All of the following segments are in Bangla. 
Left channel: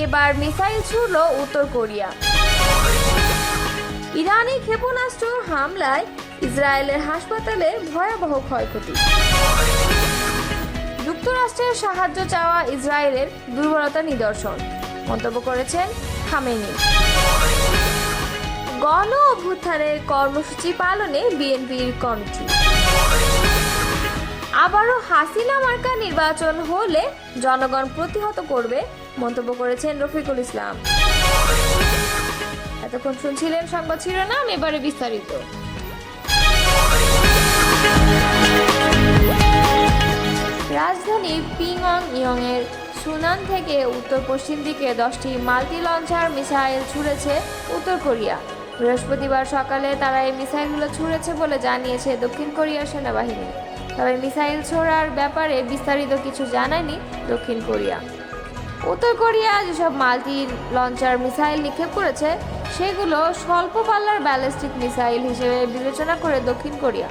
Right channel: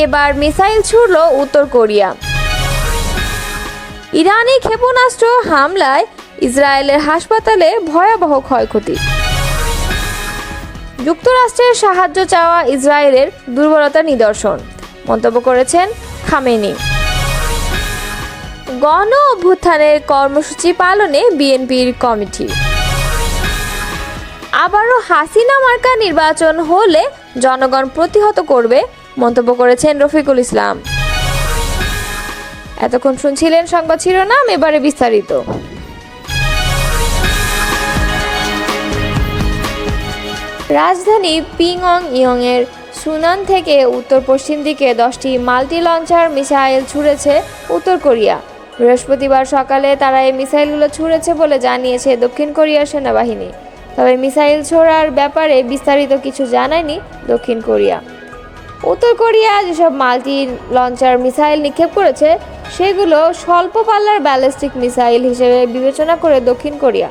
এবার মিসাইল ছুড়ল উত্তর কোরিয়া। ইরানি ক্ষেপণাস্ত্র হামলায় ইসরায়েলের হাসপাতালে ভয়াবহ ক্ষয়ক্ষতি। যুক্তরাষ্ট্রের সাহায্য চাওয়া ইসরায়েলের দুর্বলতার নিদর্শন, মন্তব্য করেছেন খামেনি। গণ অভ্যুত্থানের কর্মসূচি পালনে বিএনপির কমিটি। আবারও হাসিনা মার্কা নির্বাচন হলে জনগণ প্রতিহত করবে, মন্তব্য করেছেন রফিকুল ইসলাম। এতক্ষণ শুনছিলেন সংবাদ শিরোনাম, এবারে বিস্তারিত। রাজধানী পিংয়ং এর সুনান থেকে উত্তর পশ্চিম দিকে 10টি মাল্টি লঞ্চার মিসাইল ছুড়েছে উত্তর কোরিয়া। বৃহস্পতিবার সকালে তারা এই মিসাইলগুলো ছুড়েছে বলে জানিয়েছে দক্ষিণ কোরিয়ার সেনাবাহিনী। তবে মিসাইল ছোড়ার ব্যাপারে বিস্তারিত কিছু জানায়নি দক্ষিণ কোরিয়া। উত্তর কোরিয়া যেসব মাল্টি লঞ্চার মিসাইল নিক্ষেপ করেছে সেগুলো স্বল্প পাল্লার ব্যালিস্টিক মিসাইল হিসেবে বিবেচনা করে দক্ষিণ কোরিয়া।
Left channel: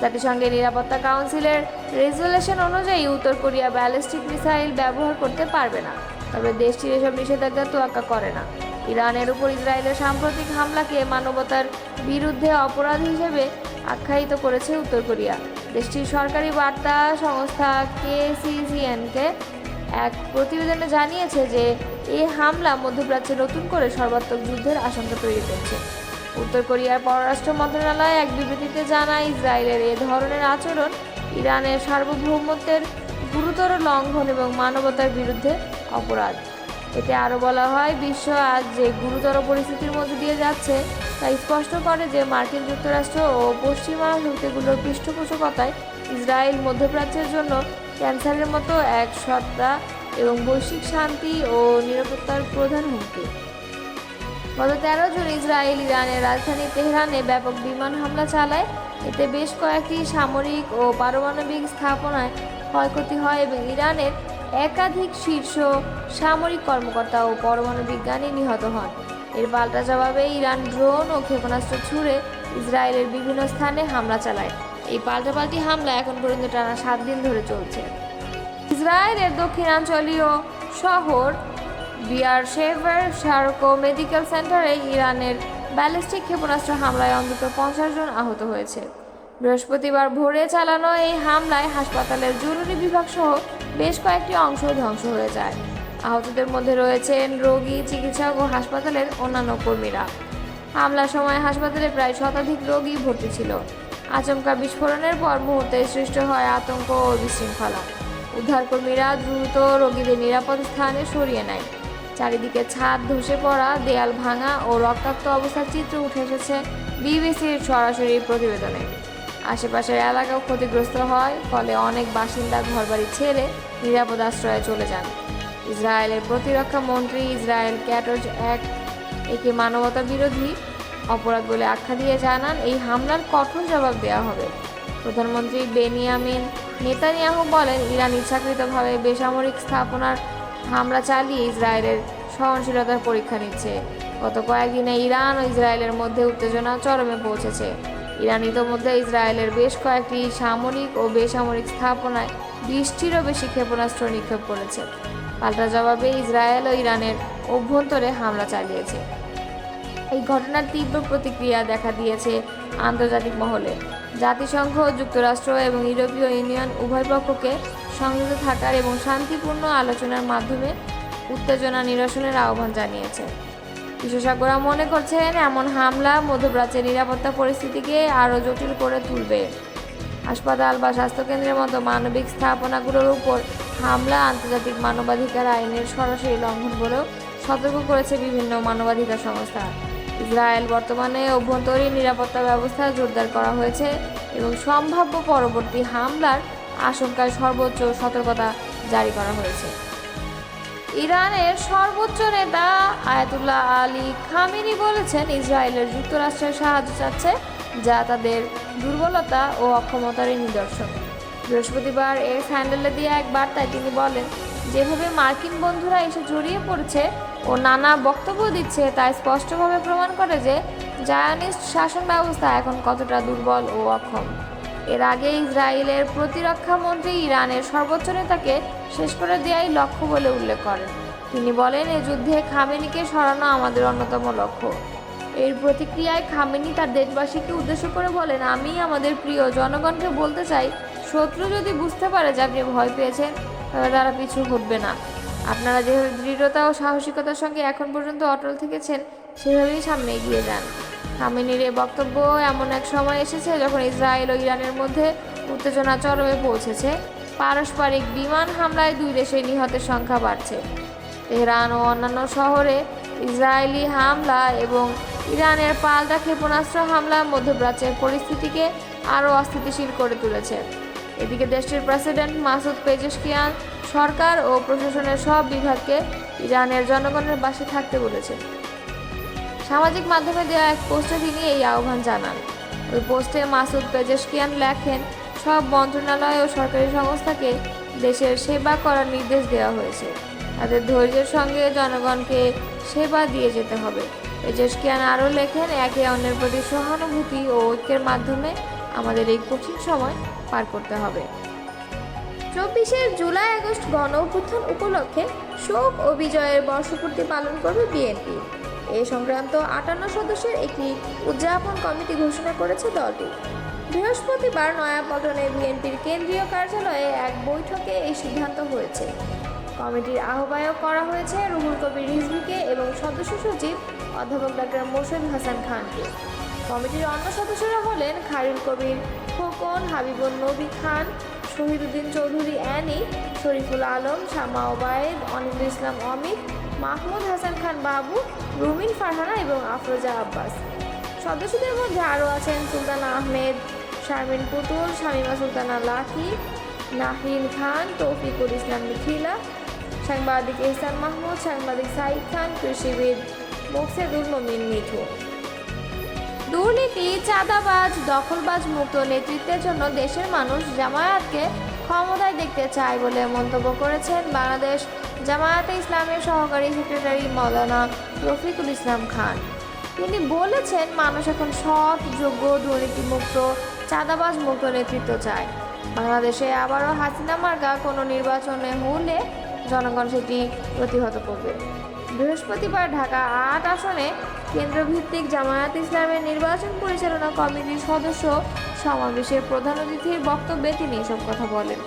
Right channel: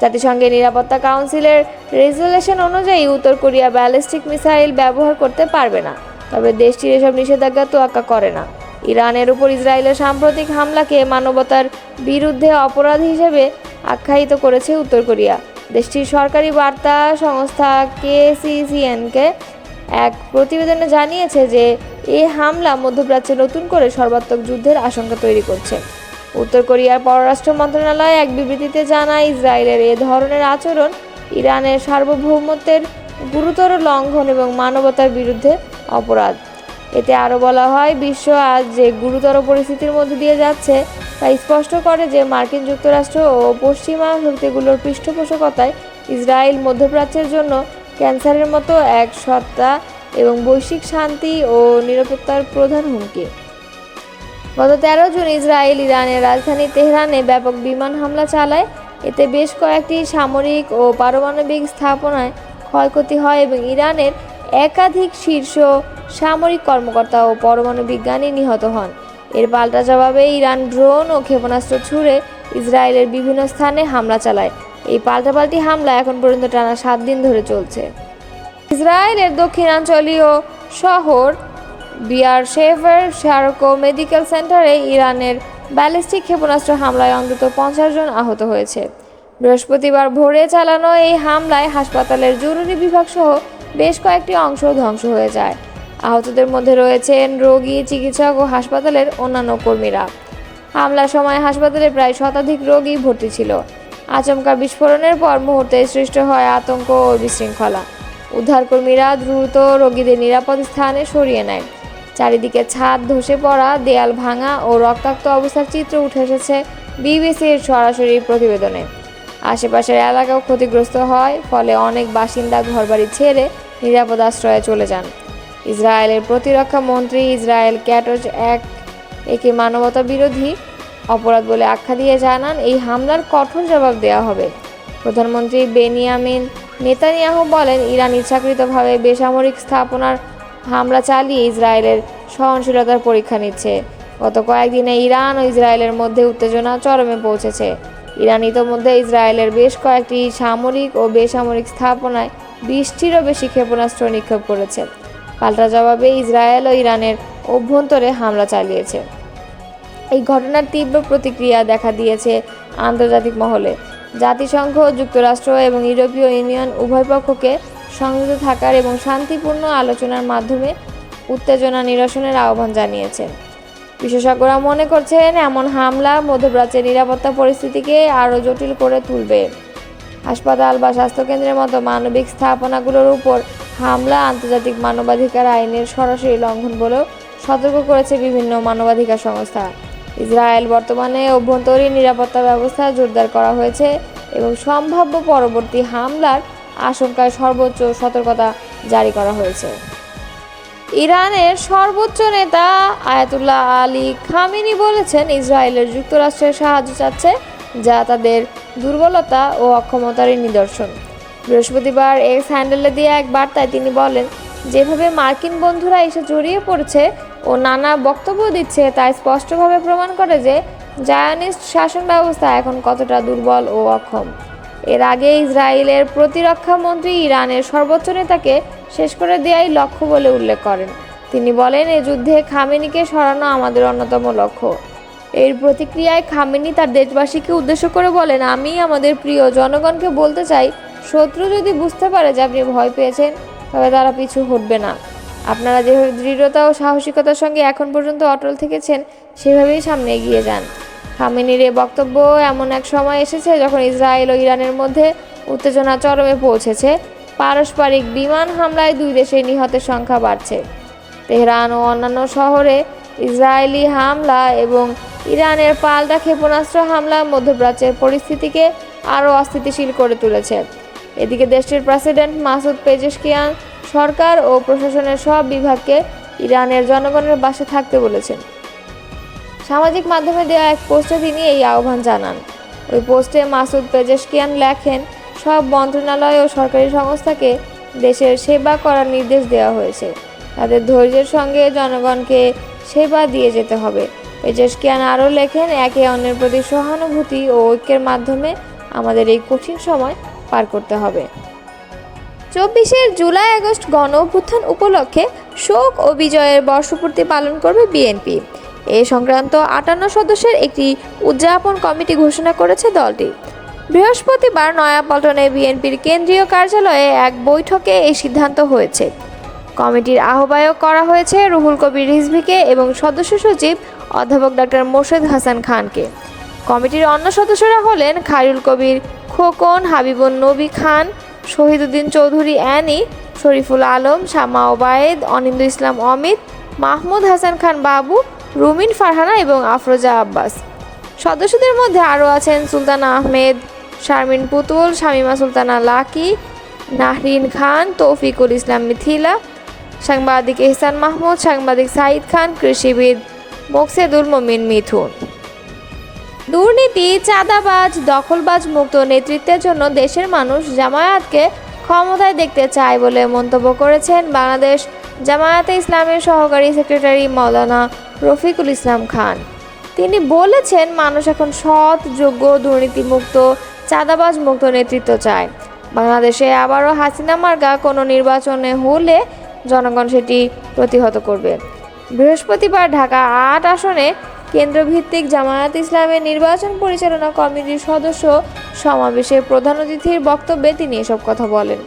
জাতিসংঘের নিরাপত্তা কাউন্সিলের রেজুলেশন অনুযায়ী উত্তর কোরিয়া ব্যালিস্টিক মিসাইল ব্যবহার করতে পারবে না, তবে দেশটির এসব নিষেধাজ্ঞা তোয়াক্কা করে না। ইরানের উপর ইসরায়েলের সাম্প্রতিক হামলাকে মানবতার বিরুদ্ধে অপরাধ হিসেবে আখ্যায়িত করেছে উত্তর কোরিয়া। দেশটির সরকারি বার্তা সংস্থা KCCNকে এক প্রতিবেদনে জানিয়েছে যে এই হামলা মধ্যপ্রাচ্যে নতুন করে সর্বাত্মক যুদ্ধের আশঙ্কা তৈরি করছে। উত্তর কোরিয়ার পররাষ্ট্র মন্ত্রণালয় এক বিবৃতিতে জানায়, ইসরায়েলের এ ধরনের আচরণ ইরানের সার্বভৌমত্বের গুরুতর লঙ্ঘন এবং মানবতার বিরুদ্ধে অপরাধ। এতে আরও বলা হয়, বিশ্ব আজ যে গুরুতর পরিস্থিতির মধ্যে দিয়ে যাচ্ছে তা স্পষ্ট করে যে মার্কিন যুক্তরাষ্ট্র ও পশ্চিমা শক্তিগুলোর পৃষ্ঠপোষকতায় ইসরায়েল মধ্যপ্রাচ্যের জন্য ক্যান্সারের মতো এক সত্তা এবং বৈশ্বিক শান্তি ও নিরাপত্তার প্রধান হুমকি। গত 13 জুন ইসরায়েল ইরানের রাজধানী তেহরানে ব্যাপক বিমান হামলা চালায়। এতে বেশ কয়েকটি সামরিক ও পারমাণবিক স্থাপনায় ক্ষয়ক্ষতি হয় এবং ইরানের একাধিক শীর্ষ সামরিক কর্মকর্তা ও পরমাণু বিজ্ঞানী নিহত হন। এর পাল্টা জবাবে ইরান ড্রোন ও ক্ষেপণাস্ত্র ছুড়ে ইসরায়েলের বিভিন্ন স্থানে হামলা চালায়। এই পাল্টাপাল্টি হামলা এখন পর্যন্ত টানা 7 দিন ধরে চলছে। ইসরায়েলের দক্ষিণাঞ্চলীয় শহর বিয়ারশেভের শারকো মেডিকেল সেন্টারে ইরানের ব্যালিস্টিক ক্ষেপণাস্ত্র হামলায় অন্তত 50 জন আহত হয়েছে। বৃহস্পতিবার ভোরে চালানো এই হামলায় হাসপাতালের জরুরি বিভাগ সহ বেশ কয়েকটি অংশ ধ্বংস হয়ে যায়। আহতদের মধ্যে রয়েছেন রোগী, চিকিৎসক ও হাসপাতালের অন্যান্য কর্মীরা। হামলার সময় হাসপাতালে প্রায় শতাধিক রোগী ভর্তি ছিল। আচমকা বিস্ফোরণের পর মুহূর্তে সৃষ্টি হয় আতঙ্ক ও বিশৃঙ্খলা। উদ্ধারকর্মীরা দ্রুত রোগীদের নিরাপদ স্থানে সরিয়ে নেয়। চারিদিকে ছাদ ধসে পড়া, দেয়াল ভাঙা ও রক্তাক্ত অবস্থার চিত্র উঠে এসেছে বিবিসির সরাসরি প্রতিবেদনে। আশেপাশের এলাকাও ক্ষতিগ্রস্ত হয়, ফলে অনেক বাসিন্দা ঘরবাড়ি ছেড়ে নিরাপদ আশ্রয়ে চলে যান। ইসরায়েলের প্রতিরক্ষা মন্ত্রী ইসরায়েল ক্যাটজ একে মানবতা বিরোধী অপরাধ বলে আখ্যা দিয়ে জানান, এই হামলার কঠোর জবাব দেওয়া হবে। প্রধানমন্ত্রী বেনিয়ামিন নেতানিয়াহু বলেন, ইরান ইচ্ছাকৃতভাবে বেসামরিক স্থাপনার হামলা চালিয়ে ইসরায়েলের সহনশীলতার পরীক্ষা নিচ্ছে। গত কয়েকদিনে ইরান ও ইসরায়েলের মধ্যে উত্তেজনা চরমে পৌঁছেছে। ইরান ইতোমধ্যে ইসরায়েলের বেশ কয়েকটি সামরিক ও বেসামরিক স্থাপনায় 20টিরও বেশি ক্ষেপণাস্ত্র নিক্ষেপ করেছে। পাল্টা জবাবে ইসরায়েল ও ইরানের অভ্যন্তরে হামলা চালিয়েছে। এই ঘটনার তীব্র প্রতিক্রিয়া দেখা দিয়েছে আন্তর্জাতিক মহলে। জাতিসংঘ, যুক্তরাষ্ট্র এবং ইউরোপীয় ইউনিয়ন উভয় পক্ষকে সংযত থাকার এবং শান্তিপূর্ণ আলোচনার মাধ্যমে উত্তেজনা নিরসনের আহ্বান জানিয়েছে। বিশেষজ্ঞরা মনে করছেন, এমন হামলা মধ্যপ্রাচ্যের নিরাপত্তা পরিস্থিতিকে আরও জটিল করে তুলবে। হাসপাতাল বা স্বাস্থ্যকেন্দ্রের মতো মানবিক স্থাপনাগুলোর উপর হামলা আন্তর্জাতিক মানবাধিকার আইনের সরাসরি লঙ্ঘন বলেও সতর্ক করেছে বিভিন্ন মানবাধিকার সংস্থা। ইসরায়েল বর্তমানে অভ্যন্তরীণ নিরাপত্তা ব্যবস্থা জোরদার করা হয়েছে এবং সম্ভাব্য পরবর্তী হামলার আশঙ্কায় সর্বোচ্চ সতর্কতা জারি করা হয়েছে। ইরানের সর্বোচ্চ নেতা আয়াতুল্লাহ আলী খামেনি বলেছেন, ইসরায়েলের যুক্তরাষ্ট্রের সাহায্য চাচ্ছে, যা তাদের দুর্বলতা ও অক্ষমতারই নিদর্শন। বৃহস্পতিবার এক্স হ্যান্ডেলে দিয়ে এক বার্তায় তিনি বলেন, যেভাবে মার্কিন বন্ধুরা এসে জড়িয়ে পড়েছে ও নানা বক্তব্য দিচ্ছে তা স্পষ্টভাবে প্রমাণ করে যে জায়নিস্ট শাসন ব্যবস্থা এখন কতটা দুর্বল ও অক্ষম। এর আগে ইসরায়েলের প্রতিরক্ষা মন্ত্রী ইরানের সর্বোচ্চ নেতাকে শেষ করে দেওয়াই লক্ষ্য বলে উল্লেখ করেন। তিনি বলেন, এ যুদ্ধে খামেনিকে সরানো আমাদের অন্যতম লক্ষ্য। এর প্রতিক্রিয়ায় খামেনি তার দেশবাসীকে উদ্দেশ্য করে বলেন, আমি আমাদের প্রিয় জনগণকে বলতে চাই, শত্রু যদি বুঝতে পারে যে আপনি ভয় পেয়েছেন, তবে তারা পিছু হটবে না। আপনারা যেভাবে দৃঢ়তা ও সাহসিকতার সঙ্গে এখন পর্যন্ত অটল থেকেছেন, সেভাবেই সামনে এগিয়ে যান। খামেনির এ বক্তব্য এমন এক সময় এসেছে যখন ইসরায়েল ও ইরানের মধ্যে উত্তেজনা চরমে পৌঁছেছে। পারস্পরিক বিমান হামলায় দুই দেশের নিহতের সংখ্যা বাড়ছে। তেহরান ও অন্যান্য শহরে ইসরায়েলি হামলা এবং ইরানের পাল্টা ক্ষেপণাস্ত্র হামলা মধ্যপ্রাচ্যের পরিস্থিতিকে আরও অস্থিতিশীল করে তুলেছে। এদিকে দেশটির প্রেসিডেন্ট মাসুদ পেজেশকিয়ান সরকার ও প্রশাসনের সব বিভাগকে ইরানের জনগণের পাশে থাকতে বলেছেন। সামাজিক মাধ্যমে দেওয়া এক পোস্টে তিনি এই আহ্বান জানান। ওই পোস্টে মাসুদ পেজেশকিয়ান লেখেন, সব মন্ত্রণালয় ও সরকারি সংস্থাকে দেশের সেবা করার নির্দেশ দেওয়া হয়েছে। তাদের ধৈর্যের সঙ্গে জনগণকে সেবা দিয়ে যেতে হবে। পেজেশকিয়ান আরও লেখেন, একে অন্যের প্রতি সহানুভূতি ও ঐক্যের মাধ্যমে আমাদের এই কঠিন সময় পার করতে হবে। 24 জুলাই আগস্ট গণ অভ্যুত্থান উপলক্ষে শোক ও বিজয়ের বর্ষপূর্তি পালন করবে বিএনপি। এ সংক্রান্ত 58 সদস্যের একটি উদযাপন কমিটি ঘোষণা করেছে দলটি। বৃহস্পতিবার নয়াপল্টনে বিএনপির কেন্দ্রীয় কার্যালয়ে এক বৈঠকে এই সিদ্ধান্ত হয়েছে। কমিটির আহ্বায়ক করা হয়েছে রুহুল কবির রিজভীকে এবং সদস্য সচিব অধ্যাপক ডক্টর মোর্শেদ হাসান খানকে। কমিটির অন্য সদস্যরা হলেন খায়রুল কবির খোকন, হাবিবুন নবী খান, শহীদুদ্দিন চৌধুরী অ্যানি, শরীফুল আলম, শামা ওবায়েদ, অনিন্দু ইসলাম অমিত, মাহমুদ হাসান খান বাবু, রুমিন ফারহানা এবং আফরোজা আব্বাস। সদস্যদের মধ্যে আরও আছেন সুলতানা আহমেদ, শারমিন পুতুল, শামিমা সুলতানা লাকি, নাহরিন খান, তৌফিকুল ইসলাম মিথিলা, সাংবাদিক এহসান মাহমুদ, সাংবাদিক সাইদ খান, কৃষিবিদ মোকসেদুল মমিন মিথুন। দুর্নীতি, চাঁদাবাজ, দখলবাজ মুক্ত নেতৃত্বের জন্য দেশের মানুষ জামায়াতকে ক্ষমতায় দেখতে চায় বলে মন্তব্য করেছেন বাংলাদেশ জামায়াতে ইসলামের সহকারী সেক্রেটারি মাওলানা রফিকুল ইসলাম খান। তিনি বলেছেন, মানুষ এখন সৎ, যোগ্য, দুর্নীতিমুক্ত, চাঁদাবাজ মুক্ত নেতৃত্ব চায়। বাংলাদেশে আবারও হাসিনা মার্কা কোনো নির্বাচনে হলে জনগণ সেটি প্রতিহত করবে। বৃহস্পতিবার ঢাকা ৮ আসনে কেন্দ্রভিত্তিক জামায়াত ইসলামের নির্বাচন পরিচালনা কমিটির সদস্য সমাবেশে প্রধান অতিথির বক্তব্যে তিনি এসব কথা বলেন।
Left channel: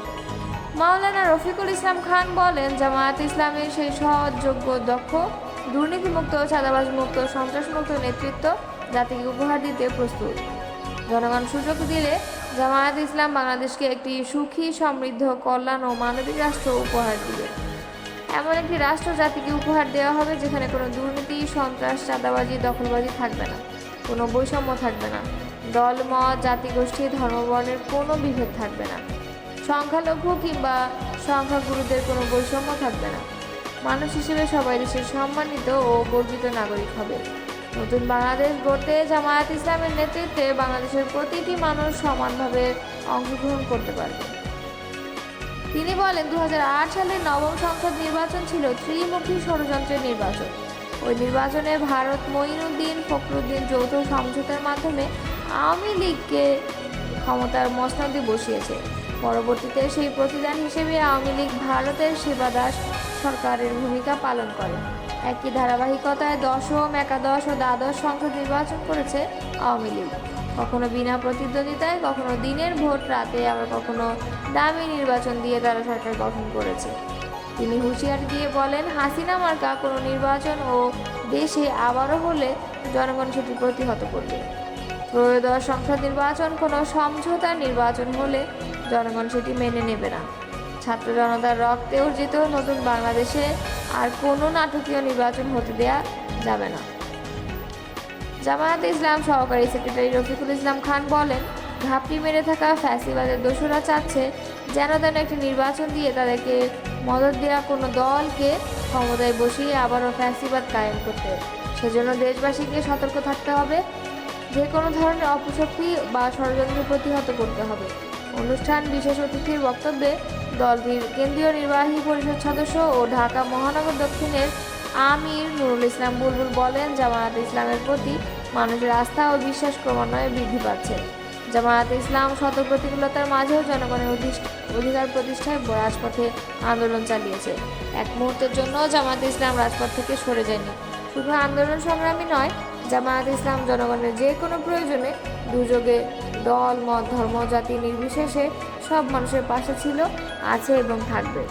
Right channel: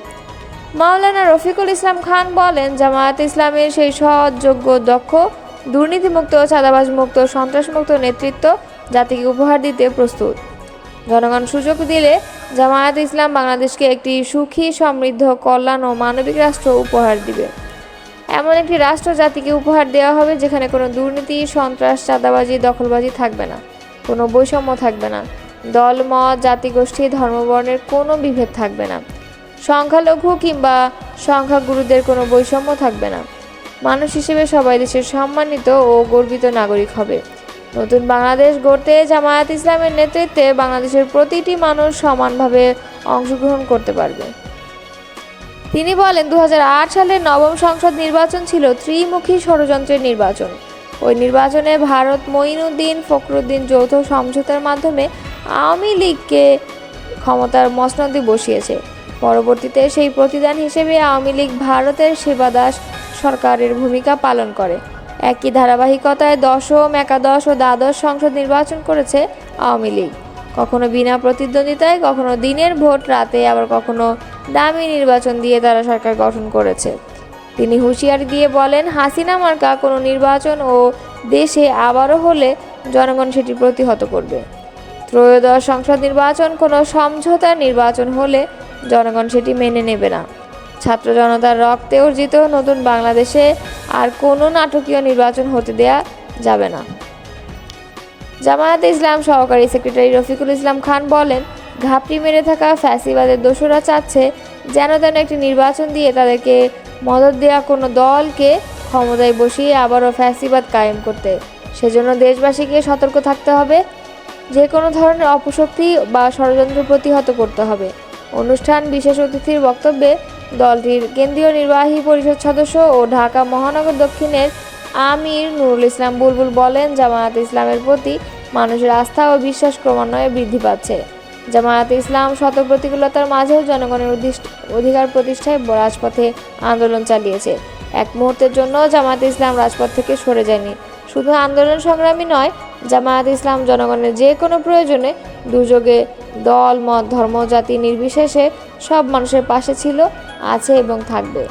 মাওলানা রফিকুল ইসলাম খান বলেন, জামায়াত ইসলামের সেই সৎ, যোগ্য, দক্ষ, দুর্নীতিমুক্ত, চাঁদাবাজমুক্ত, সন্ত্রাসমুক্ত নেতৃত্ব জাতিকে উপহার দিতে প্রস্তুত। জনগণ সুযোগ দিলে জামায়াত ইসলাম বাংলাদেশকে একটি সুখী, সমৃদ্ধ, কল্যাণ ও মানবিক রাষ্ট্র উপহার দিবে। এমন একটি রাষ্ট্র জাতিকে উপহার দেওয়া হবে যেখানে কোনো দুর্নীতি, সন্ত্রাস, চাঁদাবাজি, দখলবাজি থাকবে না, কোনো বৈষম্য থাকবে না, দল, মত, জাতিগোষ্ঠী, ধর্মবর্ণের কোনো বিভেদ থাকবে না, সংখ্যালঘু কিংবা সংখ্যাগুরুদের কোনো বৈষম্য থাকবে না। মানুষ হিসেবে সবাই দেশের সম্মানিত ও গর্বিত নাগরিক হবে। নতুন বাংলাদেশ গড়তে জামায়াত ইসলামের নেতৃত্বে বাংলাদেশের প্রতিটি মানুষ সমানভাবে অংশগ্রহণ করতে পারবে। তিনি বলেন, 2008 সালের নবম সংসদ নির্বাচন ছিল ত্রিমুখী ষড়যন্ত্রের নির্বাচন। ওই নির্বাচনে ভারত মঈনুদ্দিন ফখরুদ্দিন যৌথ সমঝোতার মাধ্যমে আওয়ামী লীগকে ক্ষমতার মসনদে বসিয়েছে। পরবর্তীতে সেই প্রতিদান হিসেবে আওয়ামী লীগ ভারতের সেবাদাস সরকারের ভূমিকা পালন করে। একই ধারাবাহিকতায় দশম, একাদশ ও দ্বাদশ সংসদ নির্বাচন করেছে আওয়ামী লীগ, কখনো বিনা প্রতিদ্বন্দ্বিতায়, কখনো দিনের ভোট রাতে, আবার কখনো দামি নির্বাচন দিয়ে তারা সরকার গঠন করেছে। তিনি হুঁশিয়ারি দিয়ে বলেন, হাসিনা মার্কা কোনো নির্বাচন ও দেশে আবারও হলে জনগণ সেটি প্রতিহত করবে। ত্রয়োদশ সংসদ নির্বাচন কোনো সমঝোতার নির্বাচন হলে জনগণ সেটি মেনে নেবে না। ছাত্র জনতার রক্তে অর্জিত নতুন বাংলাদেশে আর কোনো নাটকীয় নির্বাচন হতে দেয়া যাবে না। জামায়াতে ইসলাম সহকারী সেক্রেটারি রফিকুল ইসলাম খান বলেন, ঘাপটি মেরে থাকা ফ্যাসিবাদের দোসররা চাচ্ছে যেন তেন একটি নির্বাচন দিয়ে তাদেরকে মদদ দেওয়া কোনো দলকে ক্ষমতায় বসিয়ে আবারও ফ্যাসিবাদ কায়েম করতে। সেজন্য দেশবাসীকে সতর্ক থাকতে হবে, যে কোনো ধরনের অপশক্তি বা ষড়যন্ত্র প্রতিহত করতে হবে। অনুষ্ঠান বিশেষ অতিথির বক্তব্যে দলটির কেন্দ্রীয় নির্বাহী পরিষদ সদস্য ও ঢাকা মহানগর দক্ষিণের আমির নুরুল ইসলাম বুলবুল বলেন, জামায়াত ইসলামের প্রতি মানুষের আস্থা ও বিশ্বাস ক্রমান্বয়ে বৃদ্ধি পাচ্ছে। জামায়াত ইসলাম শত প্রতিকূলতার মাঝেও জনগণের অধিকার প্রতিষ্ঠায় রাজপথে আন্দোলন চালিয়েছে। এক মুহূর্তের জন্য জামায়াত ইসলাম রাজপথ থেকে সরে যায়নি। শুধু আন্দোলন সংগ্রামী নয়, জামায়াত ইসলাম জনগণের যে কোনো প্রয়োজনে, দুর্যোগে দল, মত, ধর্ম, জাতি নির্বিশেষে সব মানুষের পাশে ছিল, আছে এবং থাকবে।